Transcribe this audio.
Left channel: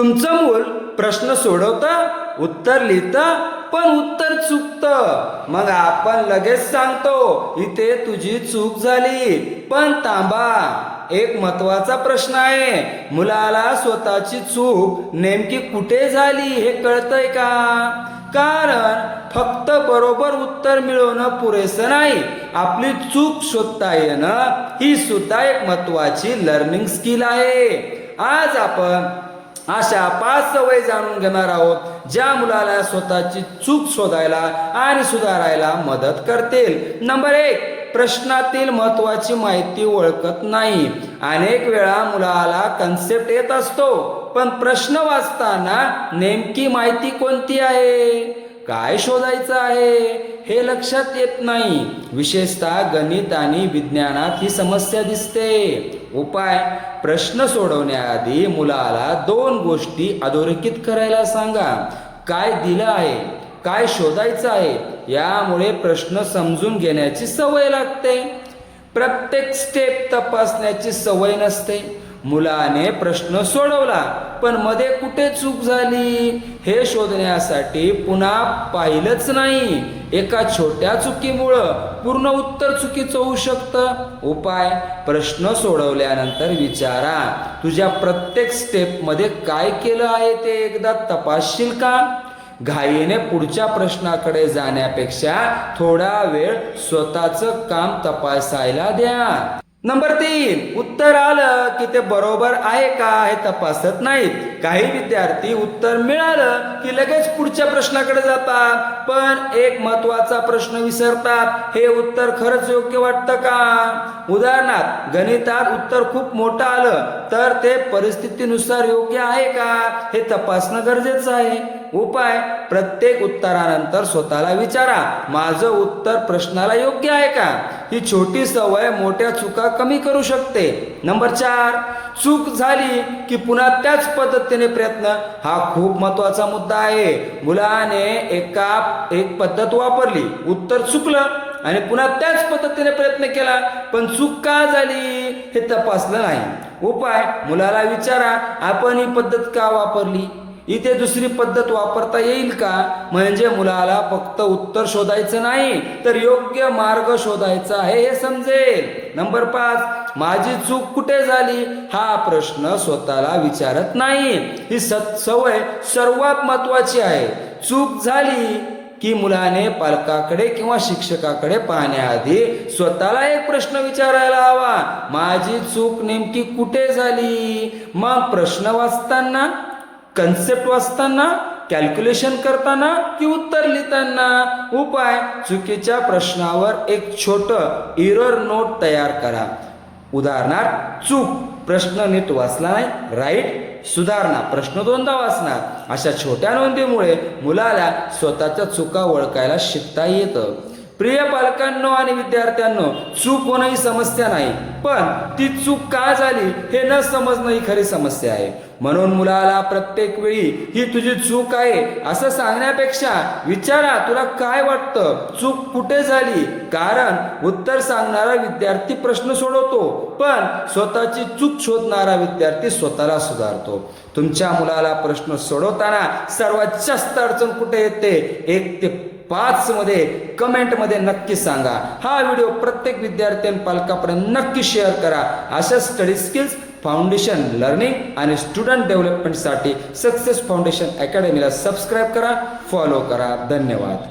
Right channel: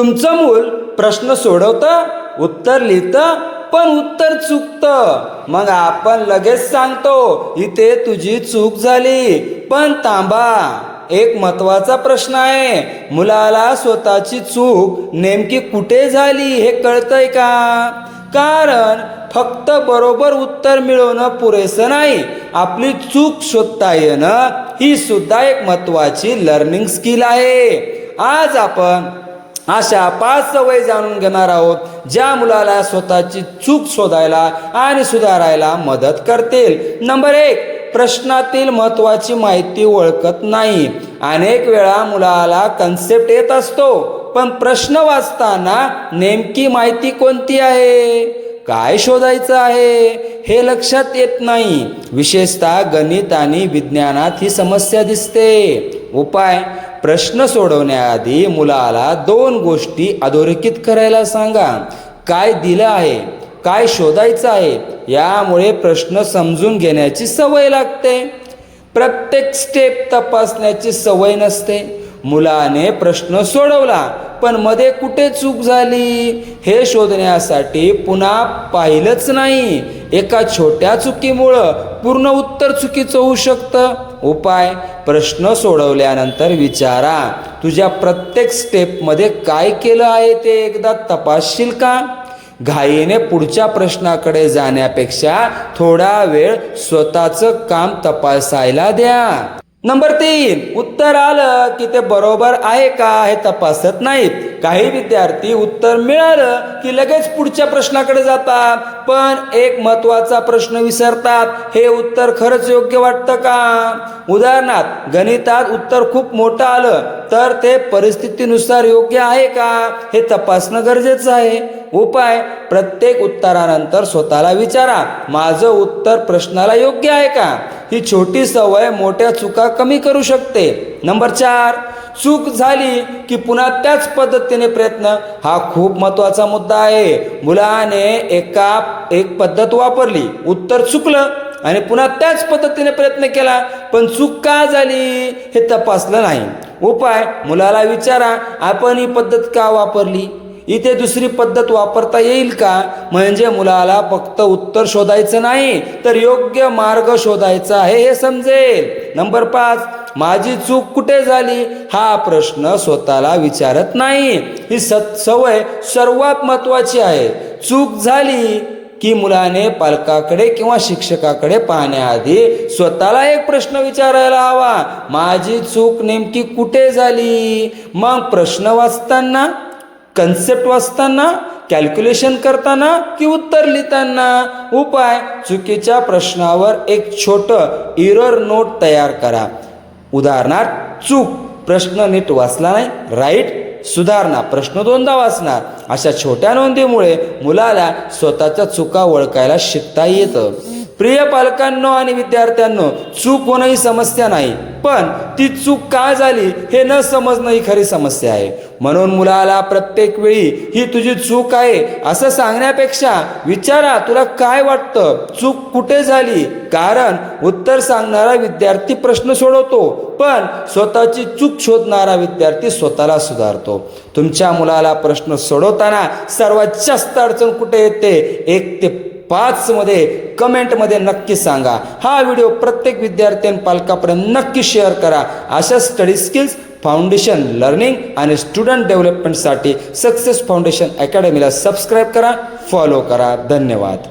तुमचं मूल प्रश्न सोडवतं, उत्तर लिहितं, पण उत्तर चुकतं. मग आपण लगेच सांगतो इथे तुझी चूक झाली. पण थांबा, एक महत्वाचा प्रश्न आहे. मुलाला स्वतःची चूक नेमकी कुठे झाली हे कळतंय का? कारण फक्त बरोबर उत्तर मिळवणं पुरेसं नाही, आपली चूक शोधता येणं ही सुद्धा एक महत्वाची लर्निंग स्किल आहे. आज आपण अशा 5 सवयी जाणून घेणार आहोत ज्या मुलाला स्वतःची चूक शोधायला आणि सुधारायला मदत करतील. नंबर 1, प्रश्नातील महत्वाची माहिती ओळखत नाही. अनेक वेळा मुलाला कन्सेप्ट येत असतो, पण प्रश्न वाचताना नेमकी माहिती कोणती आहे, काय शोधायचं आहे हे लक्षात येत नाही. विशेषतः गणित आणि विज्ञानात ही समस्या दिसते. उपाय: प्रश्न सोडवण्याआधी मुलाला 2 गोष्टी अधोरेखित करायला सांगा. काय दिलं आहे, काय शोधायचं आहे. यामुळे प्रश्न समजून घेण्याची सवय लागते. प्रत्येक स्टेप तपासण्याची सवय नसते. मुलाने प्रश्न सोडवला, पण मध्ये कुठे चूक झाली हे शोधण्यासाठी पुन्हा पाहिलंच नाही. एका छोट्या चुकीमुळं पूर्ण उत्तर चुकीचं होऊ शकतं. उपाय: प्रश्न सोडवल्यानंतर विचारा, तुझ्या प्रत्येक स्टेपमध्ये काय केलं आहे ते एकदा तपासशील का? घाईने पुढच्या प्रश्नाकडे जाण्यापेक्षा थोडा वेळ स्वतःचं काम तपासायला द्या. नंबर 3, उत्तर आलं की ते बरोबर आहे का हे तपासत नाहीत. काही विद्यार्थी उत्तर मिळालं की लगेच पुढच्या प्रश्नाकडे जातात, पण एक महत्वाचा प्रश्न विसरतात. हे उत्तर खरंच योग्य वाटतं का? उदाहरणार्थ, गणितात उत्तर खूप मोठं आलं तर ते परिस्थितीनुसार योग्य आहे का हे तपासणं गरजेचं आहे. उपाय: प्रत्येक उत्तरानंतर स्वतःला विचारा, माझं उत्तर प्रश्नाला योग्य आहे का? ही छोटी सवय मोठ्या चुका कमी करू शकते. नंबर 4, चूक झाली की पुन्हा त्याच पद्धतीने प्रयत्न. हा खूप महत्वाचा मुद्दा आहे. मुलाने एक पद्धत वापरली, उत्तर चुकलं आणि पुन्हा त्याच पद्धतीने प्रयत्न केला, पण चूक का झाली हे तपासलं नाही. उपाय: मुलाला विचारा, आपण ही पद्धत का वापरली, इथे दुसरी पद्धत वापरता येईल का? म्हणजे मुलाला फक्त उत्तर शोधायचं नाही तर योग्य मार्ग शोधायचा आहे हे समजेल. नंबर 5, माझी चूक कुठे झाली हा प्रश्न स्वतःला विचारत नाही. ही सवय सर्वात महत्वाची आहे. चूक झाली की मुलाने पालकाकडे किंवा शिक्षकाकडे पाहण्याआधी स्वतःला एक प्रश्न विचारायला हवा, माझी चूक नेमकी कुठे झाली? मग प्रश्न वाचताना, कन्सेप्ट वाचताना, कॅल्क्युलेशन करताना की उत्तर लिहिताना. उपाय: चुकीच्या प्रश्नावर एक छोटं एरर नोट तयार करा. उदाहरणार्थ, चूक, प्रश्न नीट वाचला नाही, राईट. सुधारणा, प्रश्न 2दा वाचणार. अशा छोट्या नोंदीमुळे मुलाला स्वतःच्या चुका ओळखायला शिकता येतं. प्रिय पालकांनो आणि विद्यार्थ्यांनो, चूक होणं ही समस्या नाही, पण ती चूक का झाली हे न समजणं ही खरी समस्या आहे. म्हणून मुलाला प्रत्येक वेळी ही तुझी चूक आहे असं सांगण्यापेक्षा विचारा, तुला काय वाटतं, चूक कुठे झाली? कारण उत्तर सांगणारा विद्यार्थी प्रश्न सोडवतो, पण स्वतःची चूक शोधणारा विद्यार्थी स्वतःला सुधारतो. तुमच्या मुलाला प्रश्न सोडवताना सर्वात जास्त अडचण कुठे येते 1 ते 5 मध्ये कमेंटमध्ये नक्की सांगा. हा व्हिडिओ प्रत्येक विद्यार्थी आणि पालकापर्यंत नक्की शेअर करा. अशा स्टडी स्किल्स, फाउंडेशन लर्निंग आणि स्टुडंट डेव्हलपमेंटसाठी सक्सेस फाउंडेशन अकॅडमीला सबस्क्राईब करा, फॉलो करा. धन्यवाद.